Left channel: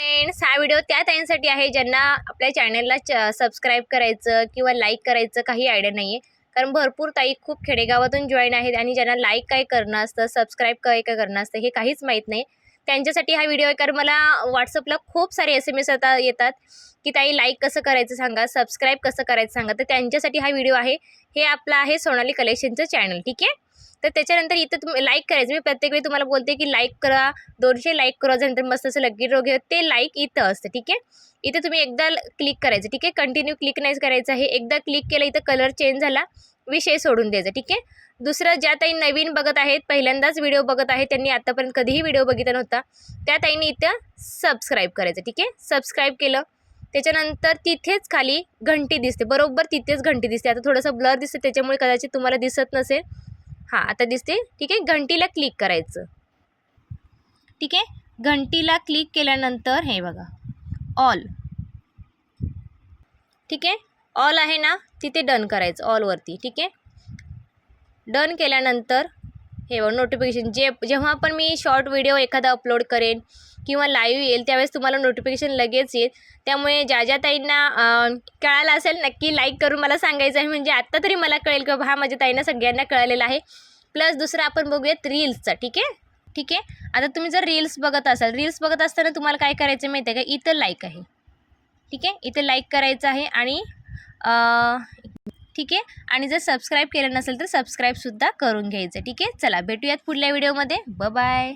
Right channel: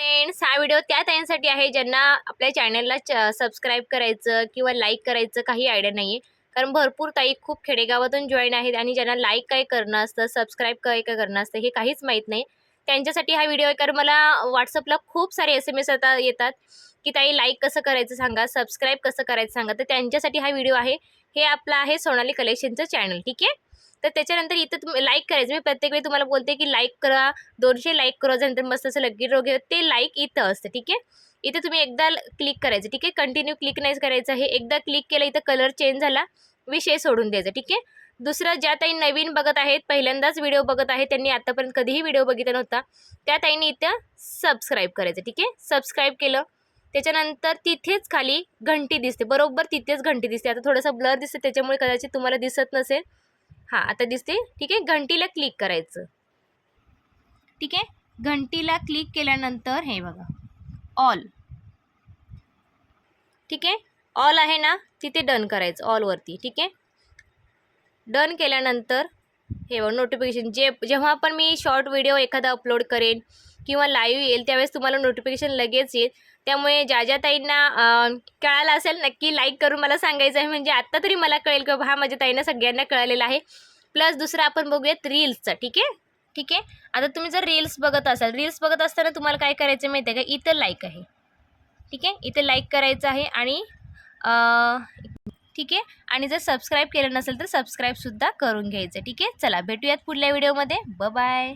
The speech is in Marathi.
फ्रेंड्स, हा व्हिडिओ त्या ताईंसाठी आहे ज्यांना आपल्या चॅनलला सबस्क्राईब करायचं किंवा लाईक करायचं काही आयडिया नाही आहे. कारण भरपूर ताई खूप खेडेगावातून जॉईन आहेत आणि ज्यांना लाईक काय करणं असतं, सबस्क्राईब काय काय करणं असतं हे काहीच माहीत नाही. त्यांच्यासाठी हा व्हिडिओ आहे. कारण मला व्हॉट्सअपला खूप सारे SMS आता येतात की ताई लाईक कसं करायचं सांगा, सबस्क्राईब कसं करायचं सांगा. तर त्यांच्यासाठी हा व्हिडिओ आहे. हे आपलं आहे सोनाली कलेक्शनचं चॅनल, ठीक आहे. तर त्याच्यानंतर इथं तुम्ही लाईक करायचं. मी प्रत्येक वेळी तुम्हाला बोलते की लाईक करा, 200 लाईक करा, नंतर मस्त असं लकी ड्रॉ घ्या. ते लाईक इथं असतं, ठीक आहे. इथे तुम्ही एकदा क्लिक करायचं, ठीक आहे. कंटिन्यू क्लिक नाही करायचं आहे. एकदा क्लिक केलं इथं कलर चेंज झाला, विषय सोडून द्यायचा, ठीक आहे. दुसरं, ज्या ताई नवीन बघत आहेत, पहिल्यांदाच व्हिडिओ बघत आहेत, त्यांनी आतापर्यंत कधीही व्हिडिओ बघितला नव्हता, त्या ताईंनी इथं सबस्क्राईब करायचं, ठीक आहे. सबस्क्राईब केलं त्याच्यानंतर तिथेच खाली घंटी दिसते, बरोबर तिथेच घंटी दिसते. आता थोडंसं ब्लर दिसते त्याच्यामुळे कदाचित तुम्हाला दिसत नसेल. हां, आता दिसते, ठीक आहे. घंटीला क्लिक करायचं, ठीक आहे. घंटीला क्लिक केल्यानंतर हे बघा ऑल, ठीक आहे. ऑल आहे ना, तिथे डन करायचं ऑलवरती, ठीक आहे. डन केल्यानंतर हे बघा नोटिफिकेशन, जेव्हा पण मी शॉर्ट व्हिडिओ एखादा अपलोड करेन किंवा लाईव्ह येईल त्यावेळेस तुम्हाला नोटिफिकेशन लगेच येईल. त्यामुळे ज्या ताईंना कळालं असेल नक्की लाईक करून मला सांगायचं आहे. म्हणजे आत्ता तरी मला कळेल की हा माझ्या ताईंना सगळ्यांना कळलेलं आहे. प्लस दुसरं आपण बघूयात रील्सचा, ठीक आहे. ठीक आहे. आता तुम्ही जर रील्स बघत असाल, रील्स बघत असताना तुम्हाला काय करायचं माहिती आहे का, इथं लाईक आहे, ठीक आहे. इथे लाईक करायचं आहे आणि ठीक आहे. आणि जर सबस्क्राईब केलं नसेल तर सबस्क्राईबसुद्धा करून घ्यायचं, ठीक आहे. चला भेटूयात पुढल्या व्हिडिओमध्ये. बाय.